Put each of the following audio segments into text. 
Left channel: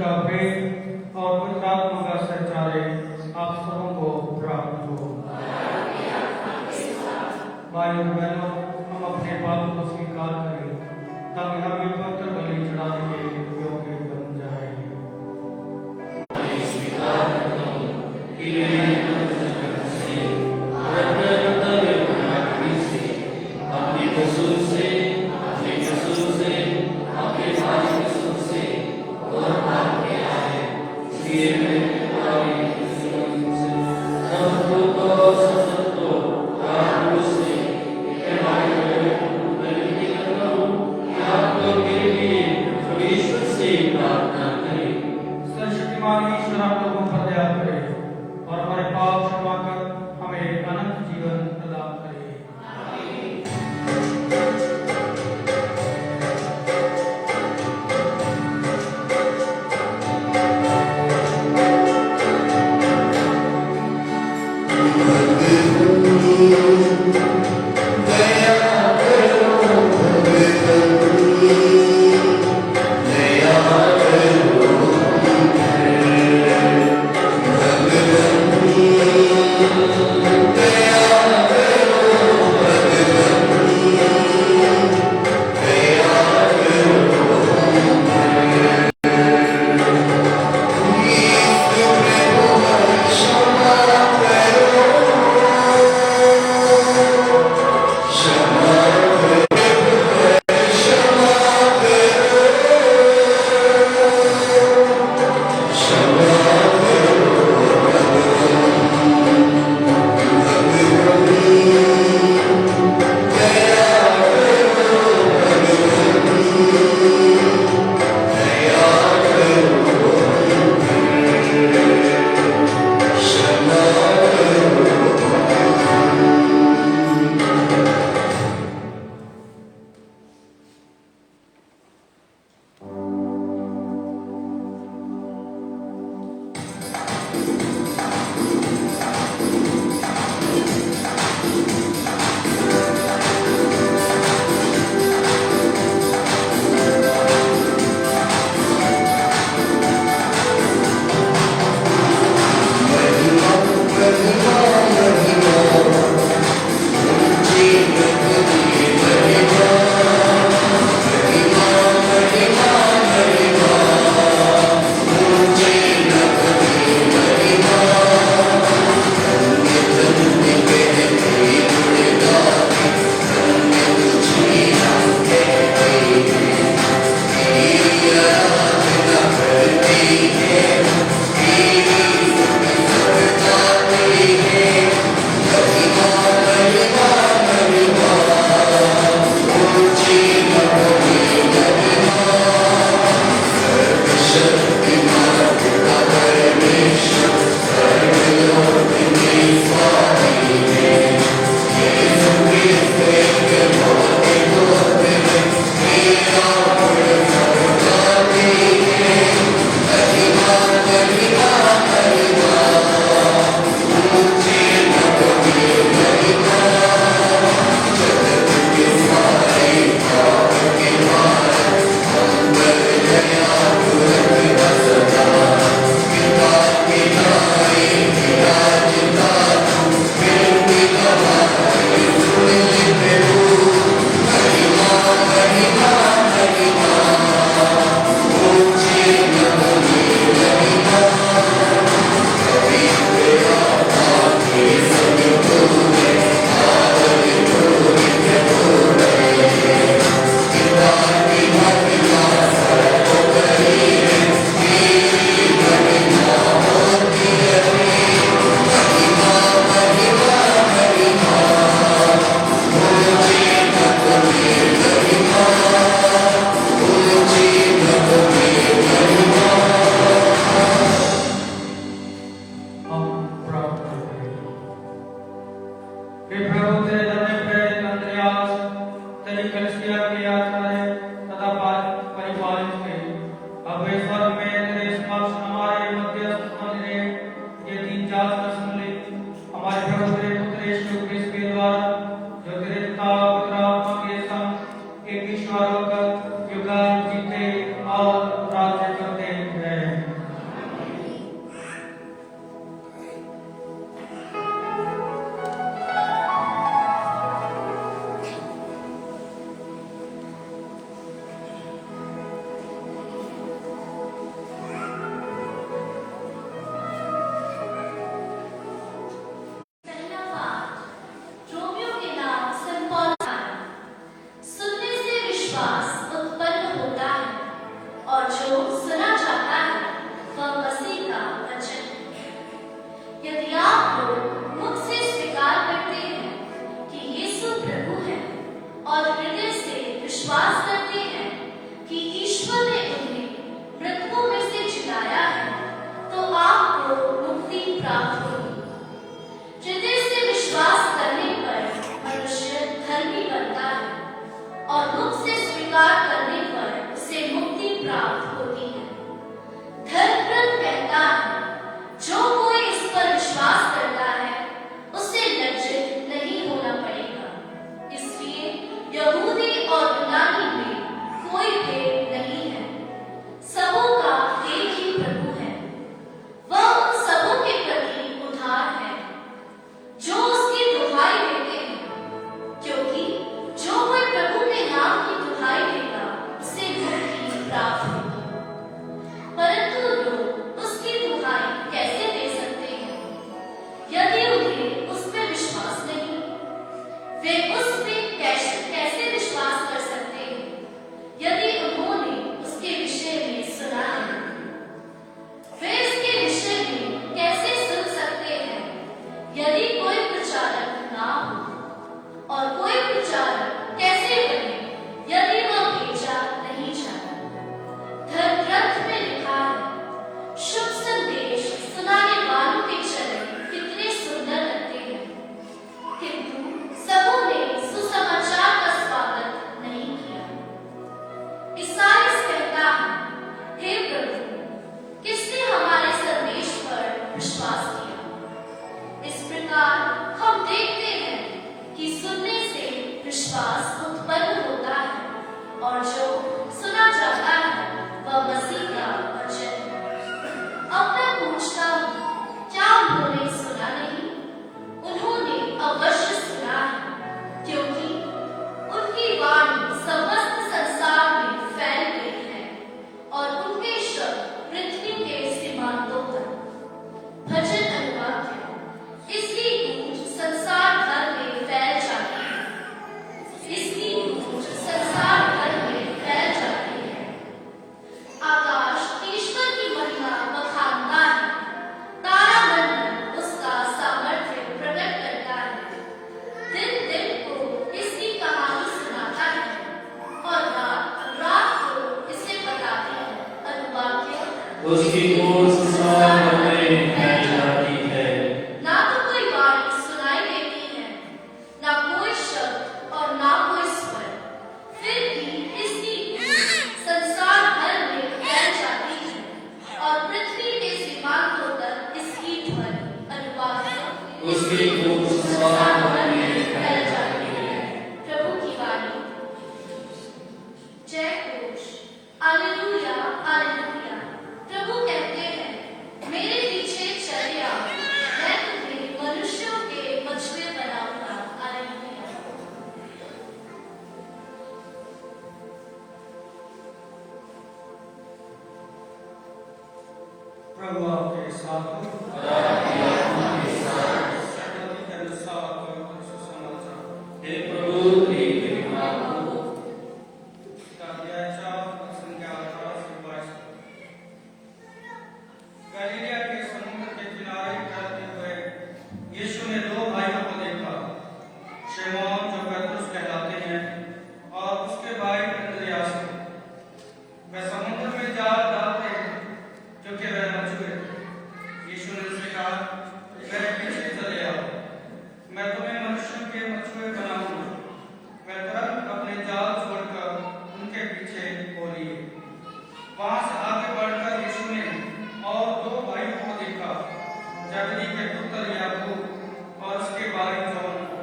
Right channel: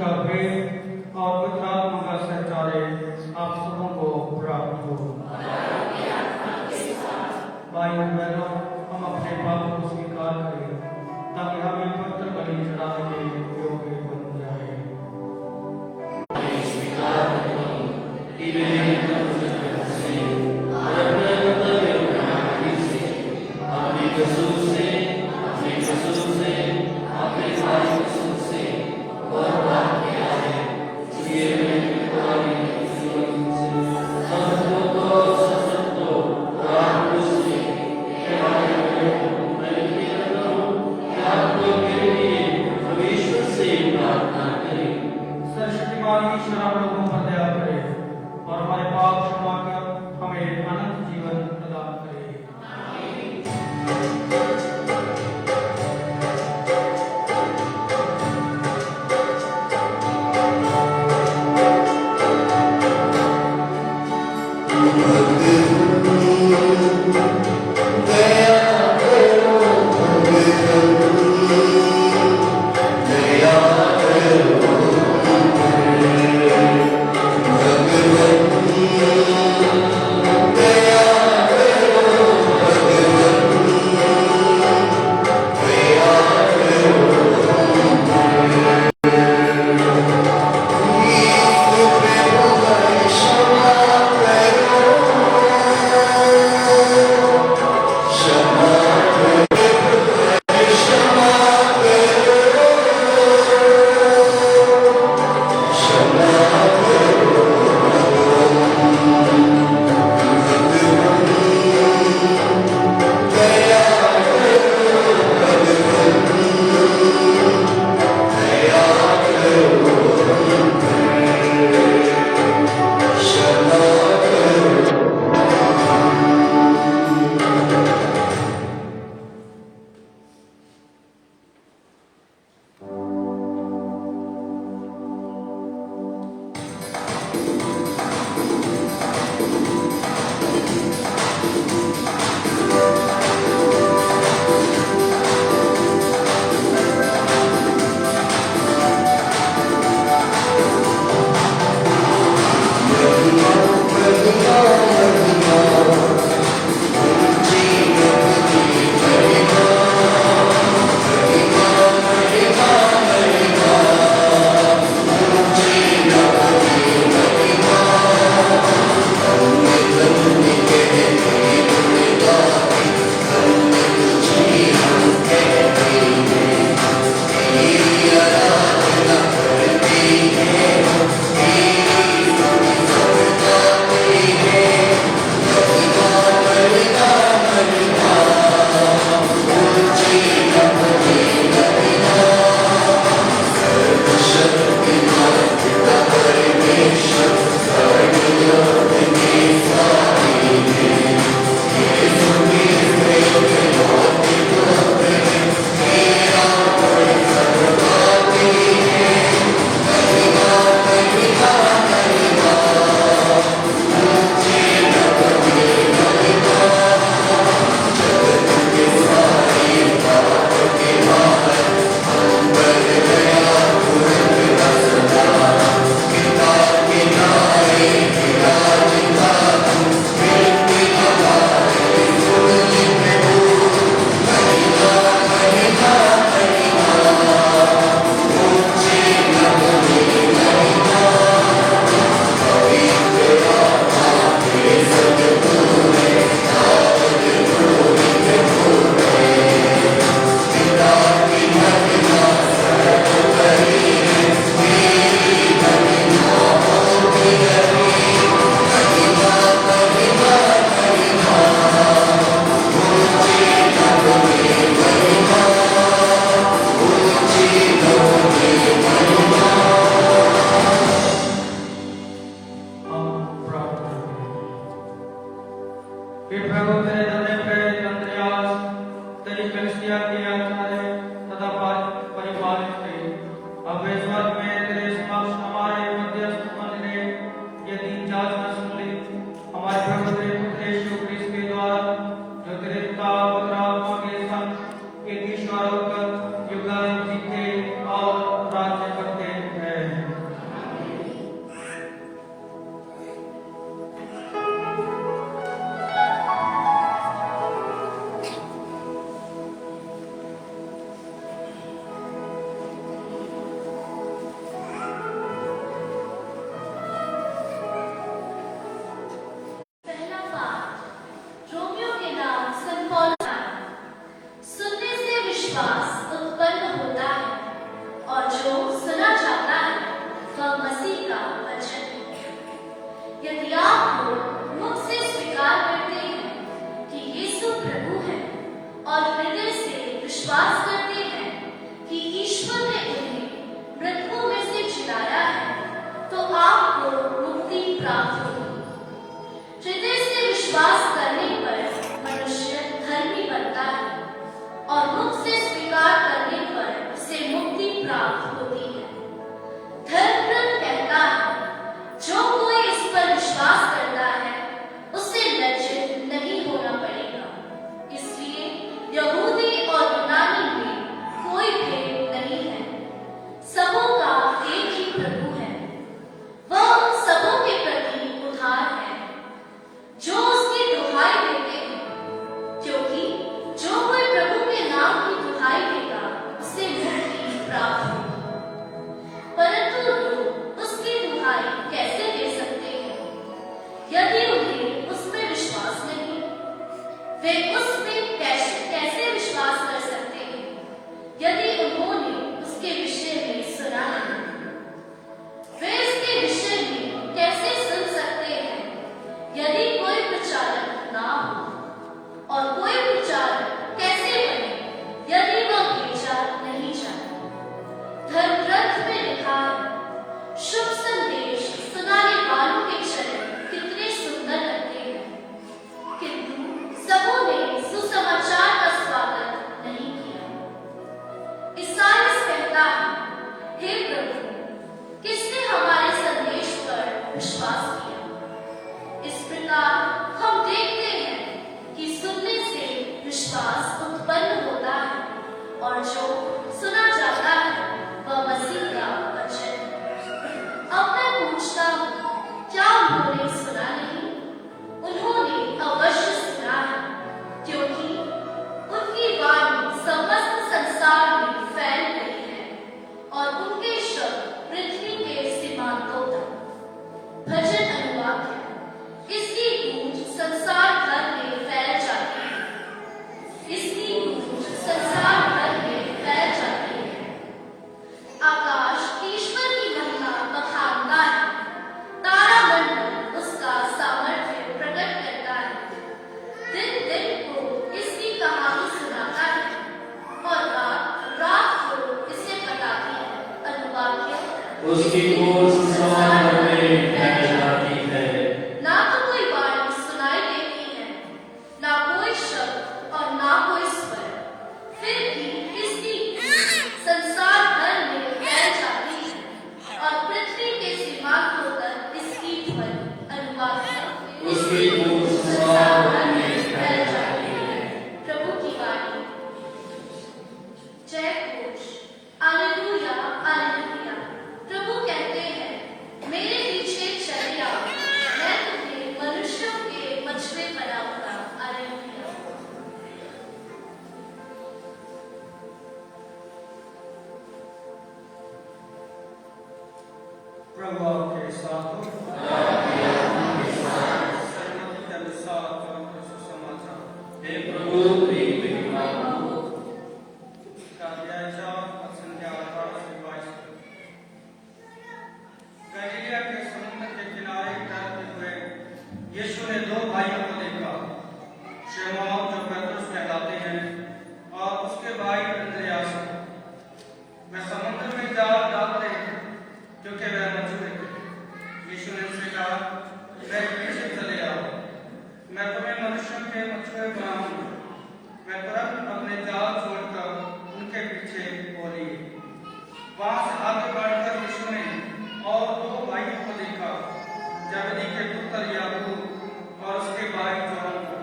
का भेद और पवित्र आत्मा का संचालय आप सबों को प्राप्त हो। भाइयों बहनों, हम अपने पापों को स्वीकार करें ताकि हमें पवित्र बलि चढ़ाने के योग्य बन जाए। सर्वशक्तिमान ईश्वर आप लोगों पर दया करे और हमारे पाप क्षमा कर हमें अनंत जीवन प्रदान करे। ईश्वर होकर युग जीते और राज्य करते हैं। उसकी ओर संसार में फैल जाती है। ना तो कोई वाणी सुनाई देती है, ना कोई शब्द और ना कोई स्वर, फिर भी इसकी गूंज संसार भर में फैल जाती है और पृथ्वी के सीमांतों तक इसकी ध्वनि अनुवाद है। उसकी ओर संसार भर में फैल जाती है। प्रभु की वाणी। जय घोष। Hallelujah hallelujah. प्रभु कहते हैं, मेरे पीछे चले आओ, मैं तुम्हें मनुष्यों के मछुए बनाऊंगा। हालेलुया। प्रभु आपके साथ हो। हे प्रभु तेरी महिमा हो। गलीलिया के समुद्र के किनारे तैरते हुए यीशु ने दो भाइयों को देखा, शिमोन जो पतरस कहलाते हैं और उसके भाई अंद्रयास को। वे समुद्र में जाल डाल रहे थे क्योंकि वे मछुए थे। यीशु ने उनसे कहा, वे पीछे चले आओ, मैं तुम्हें मनुष्यों के मछुए बनाऊंगा। वे तुरंत अपने जाल छोड़कर उनके पीछे हो लिए। वहां से आगे बढ़कर यीशु ने और दो भाइयों को देखा, जबदी के पुत्र याकूब और उसके भाई जॉन को।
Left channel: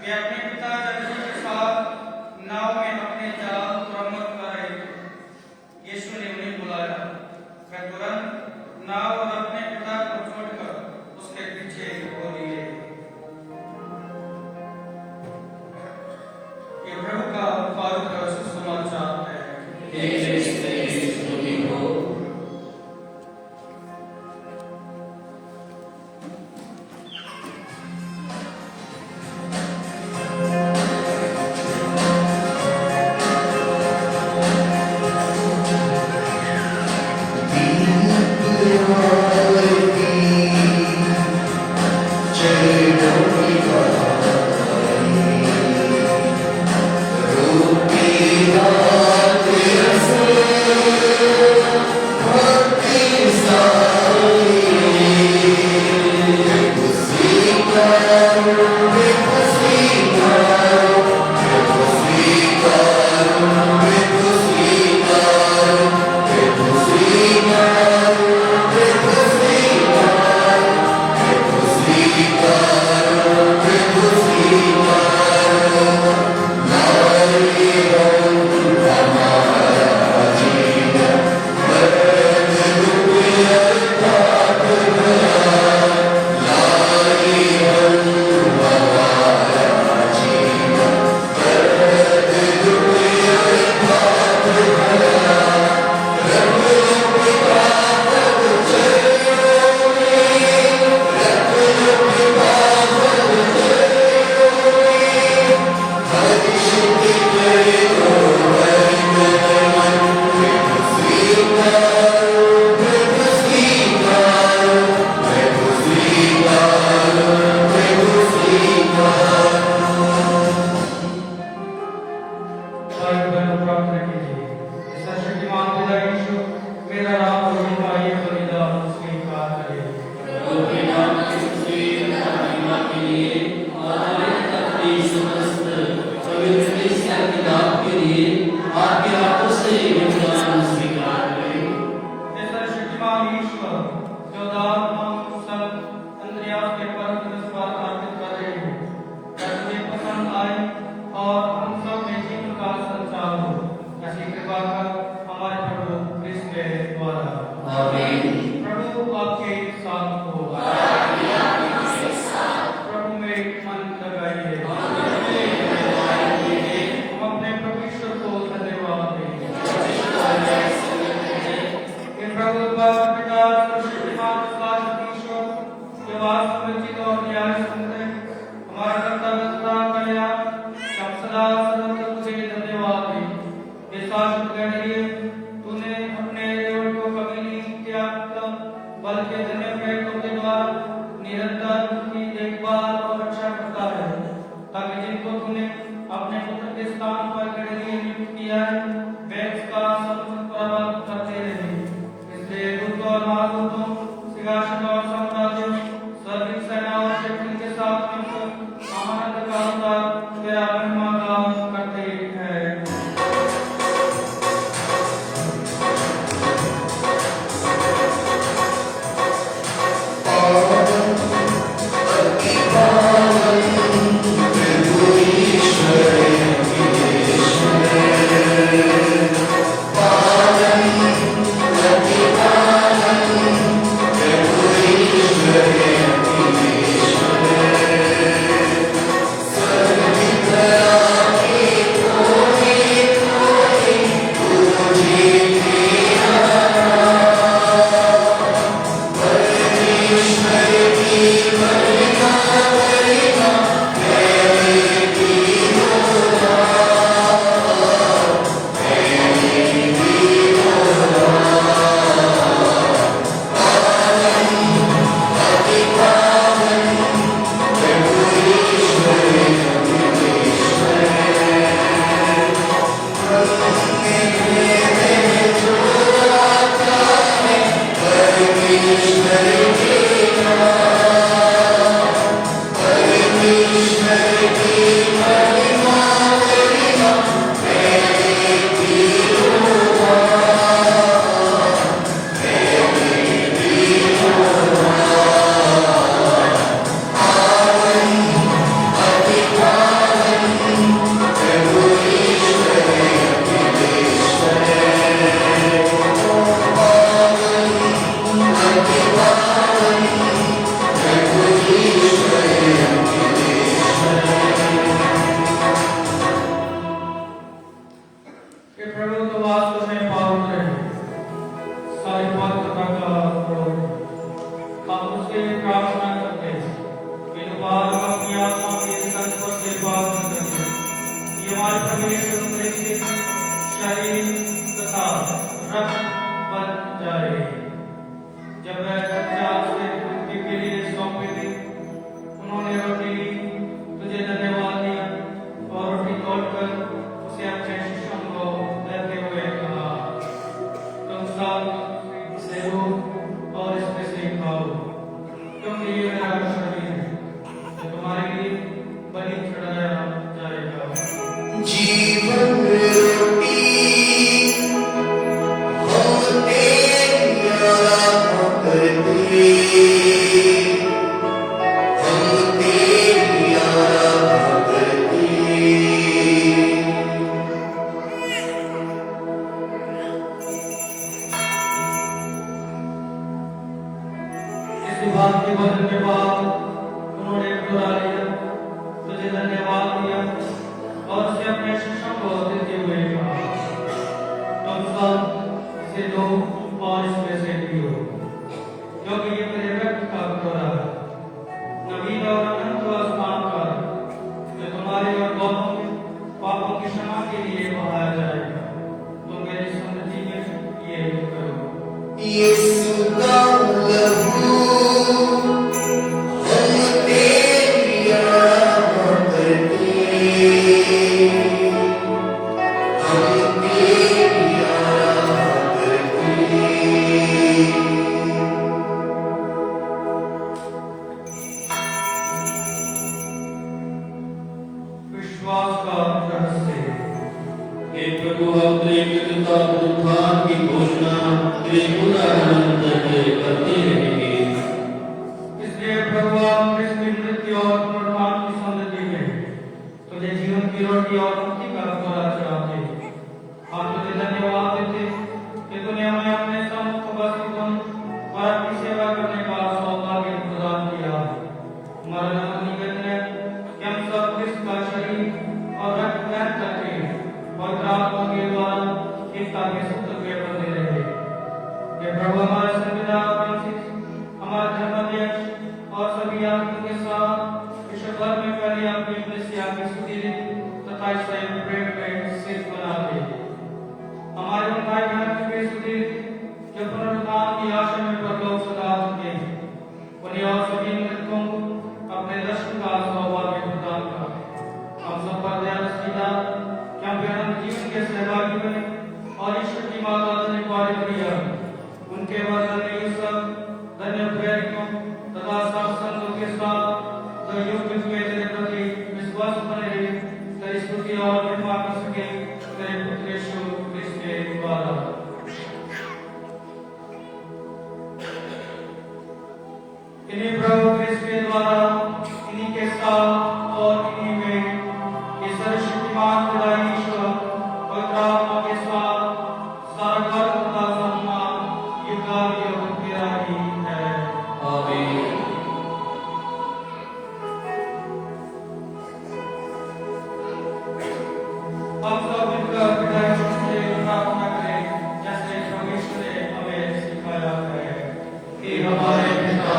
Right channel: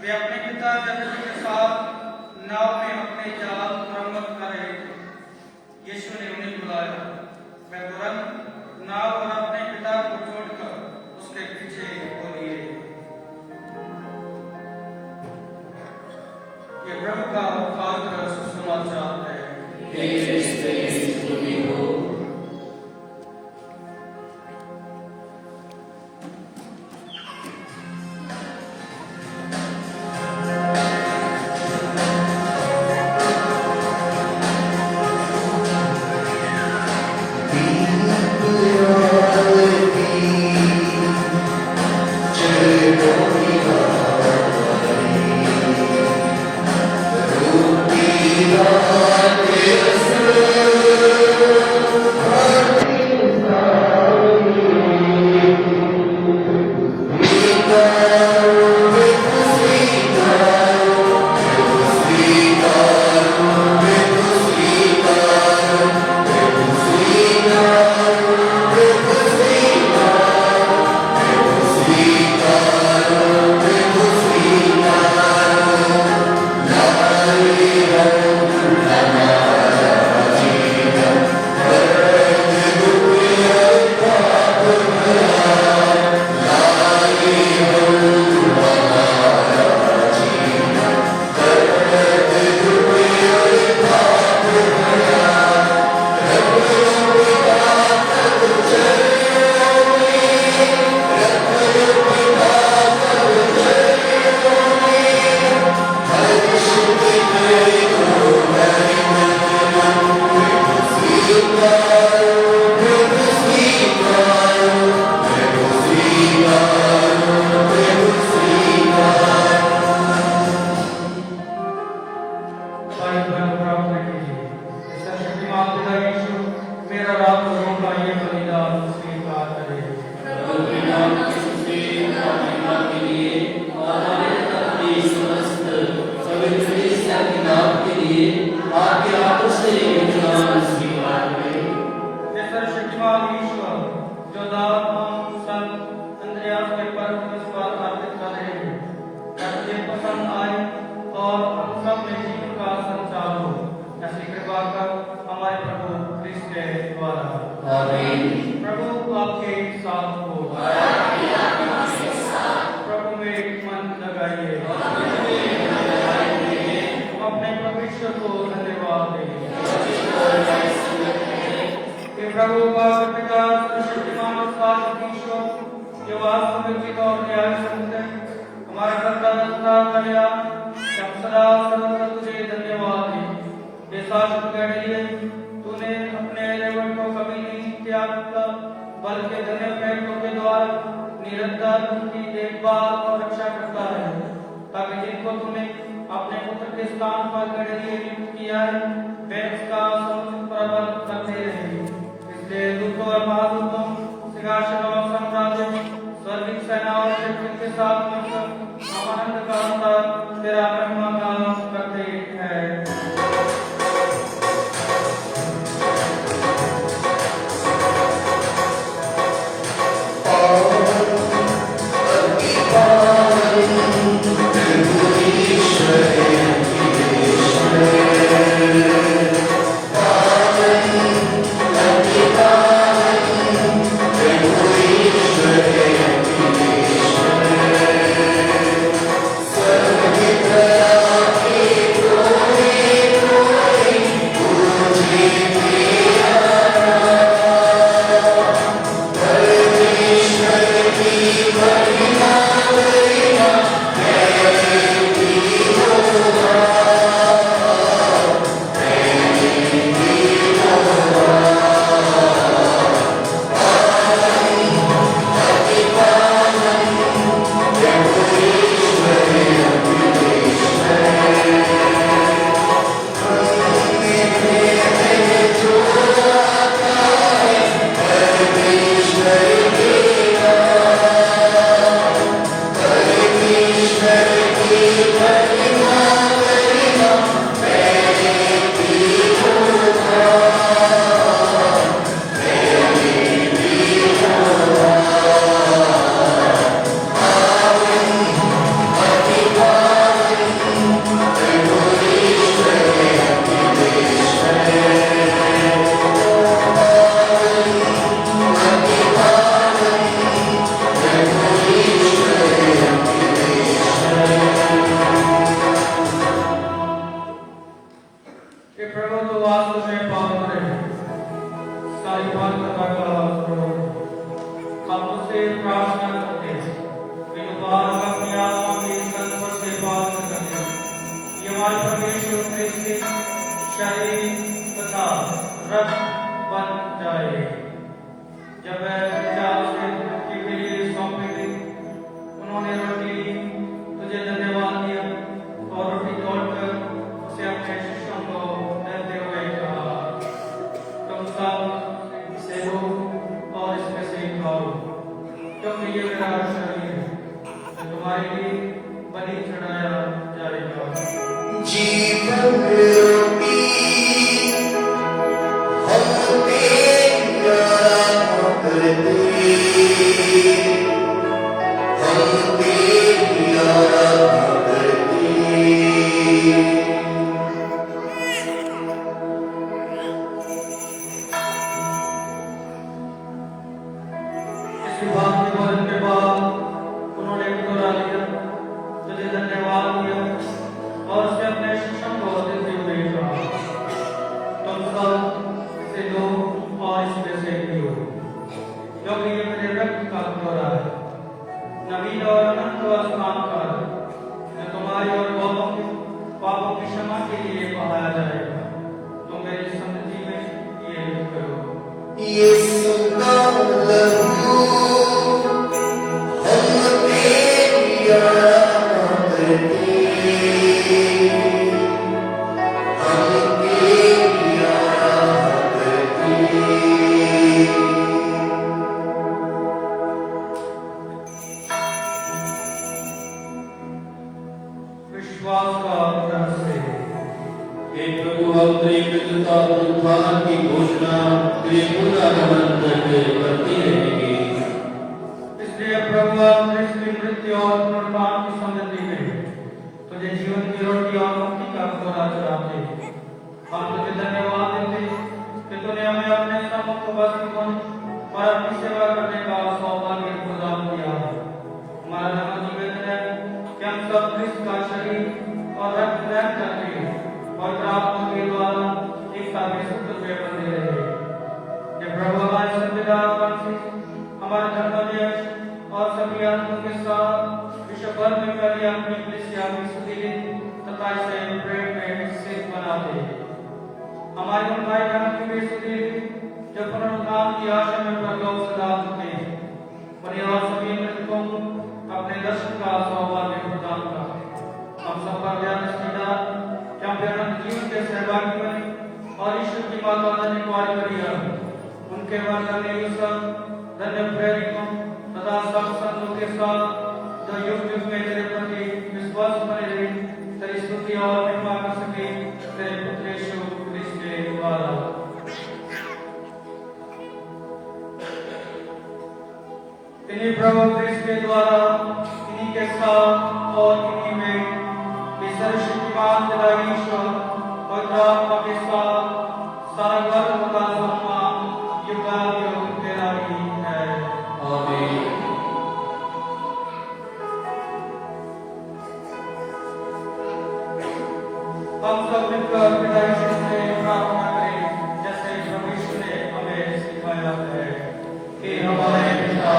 वे अपने पिता जबदी के साथ नाव में अपने जाल मरम्मत कर रहे थे। यीशु ने उन्हें बुलाया, वे तुरंत नाव और अपने पिता को छोड़कर उसके पीछे हो लिए। ये प्रभु का पवित्र सुसमाचार है। हमारे पवित्र प्रकाश को हम उससे प्रार्थना करते हैं कि बालक अपनी आत्मा के संस्पर्श से पावन करते ये हमारे परमेश्वर के शरीर तथा रक्त बन जाए। जब वह चुपचाप से मुक्ति के लिए सौंपी गई, उन्होंने रोटी तुझे धन्यवाद दिया और रोटी तोड़कर उसे अपने शिष्यों को देते हुए कहा, तुम सब इसे लो और इसमें से खाओ, क्योंकि ये मेरा शरीर है जो तुम्हारे लिए बलि चढ़ाया जाएगा। जीवन रोटी हम तेरी आराधना करते, हम तेरी आराधना करते। इस बात के भोजन के बाद उन्होंने टुकड़ा लिया, तुझे धन्यवाद दिया और उसे अपने शिष्यों को देते हुए कहा, तुम सब इसे लो और इसमें से पियो, क्योंकि ये मेरे रक्त का टुकड़ा है, नवीन और अनंत आसमान का, जो तुम्हारे और बहुतों के पापों की क्षमा के लिए बहाया जाएगा। तो मेरी समृद्धि में ये करो। यीशु का लहू हम तेरी आराधना करते, हम तेरी आराधना करते। विश्वास का रहस्य। हे प्रभु, हम तेरी मृत्युता और उत्थान की घोषणा तेरे पुनरागमन तक करते रहेंगे। इसलिए प्रभु, आप क्रिस्त की मृत्यु और पुनरुत्थान की समृद्धि में तुझे जीवन की रोटी और मुक्ति का कटोरा चढ़ाते, हम तुझे धन्यवाद देते कि तूने हमें अपने सम्मुख उपस्थित होने और अपनी सेवा करने का सौभाग्य प्रदान किया। हमारा नम्र निवेदन है कि हम सब क्रिस्त का शरीर और रक्त ग्रहण करते हैं और आत्मा के द्वारा एकता में सत्य में बंधे रहे। हे प्रभु, हमारे संविधान फ्रांसिस, हमारे धर्माध्यक्ष और सभी आत्माओं के साथ विश्व भर में फैली अपनी कलीसिया की स्तुति तथा इसे प्रेम में सिद्ध बनाते। हमारे उन भाई बहनों की भी स्तुति जो पुनरुत्थान की आशा में प्रभु सदा सुनते हैं, और सभी मृतकों को अपने दर्शन का सौभाग्य प्रदान कर हम सब का ध्यान रखिएगा कि हम अनंत जीवन के सहभागी बने और ईश्वर की माता धन्य कुमारी मरिया, उनके बाद धन्य यूसुफ, धन्य प्रेरितों तथा सब संतों के साथ जो युग युग में तेरे प्रति विश्वास बने रहे, तेरी स्तुति और महिमा कर सके, तेरे पुत्र यीशु क्रिस्त के द्वारा। इन्हीं प्रभु क्रिस्त के द्वारा, इन्हीं के साथ और इन्हीं में सर्वशक्तिमान पिता ईश्वर पवित्र आत्मा के साथ सारा गौरव तथा सम्मान युगानुयुग तेरा ही है। आमीन। हम सब मिलकर पिता ईश्वर से प्रार्थना करें, जैसे प्रभु यीशु ने हमें सिखाया है। हे हमारे पिता,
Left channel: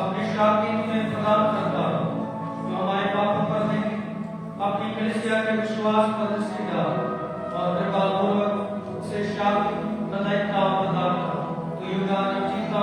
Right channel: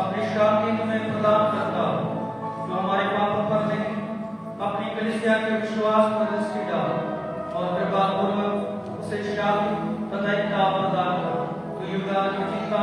अपनी शांति में प्रदान करता जो हमारे पापों पर नहीं, अपनी कलीसिया के विश्वास पर दृष्टि डाल और कृपा पूर्वक उसे शांति तथा एकता प्रदान कर। तो युगानुयुग जीता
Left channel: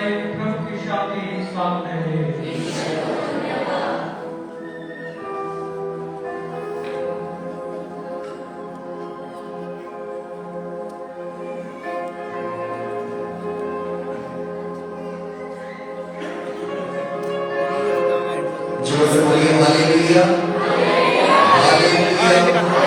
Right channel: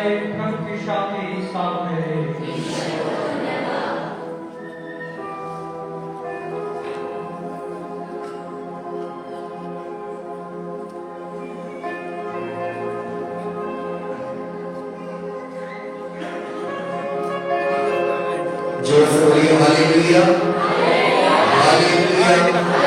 रहे प्रभु की शांति साथ रहे। जोर से बोलिए हालेलुया, हालेलुया।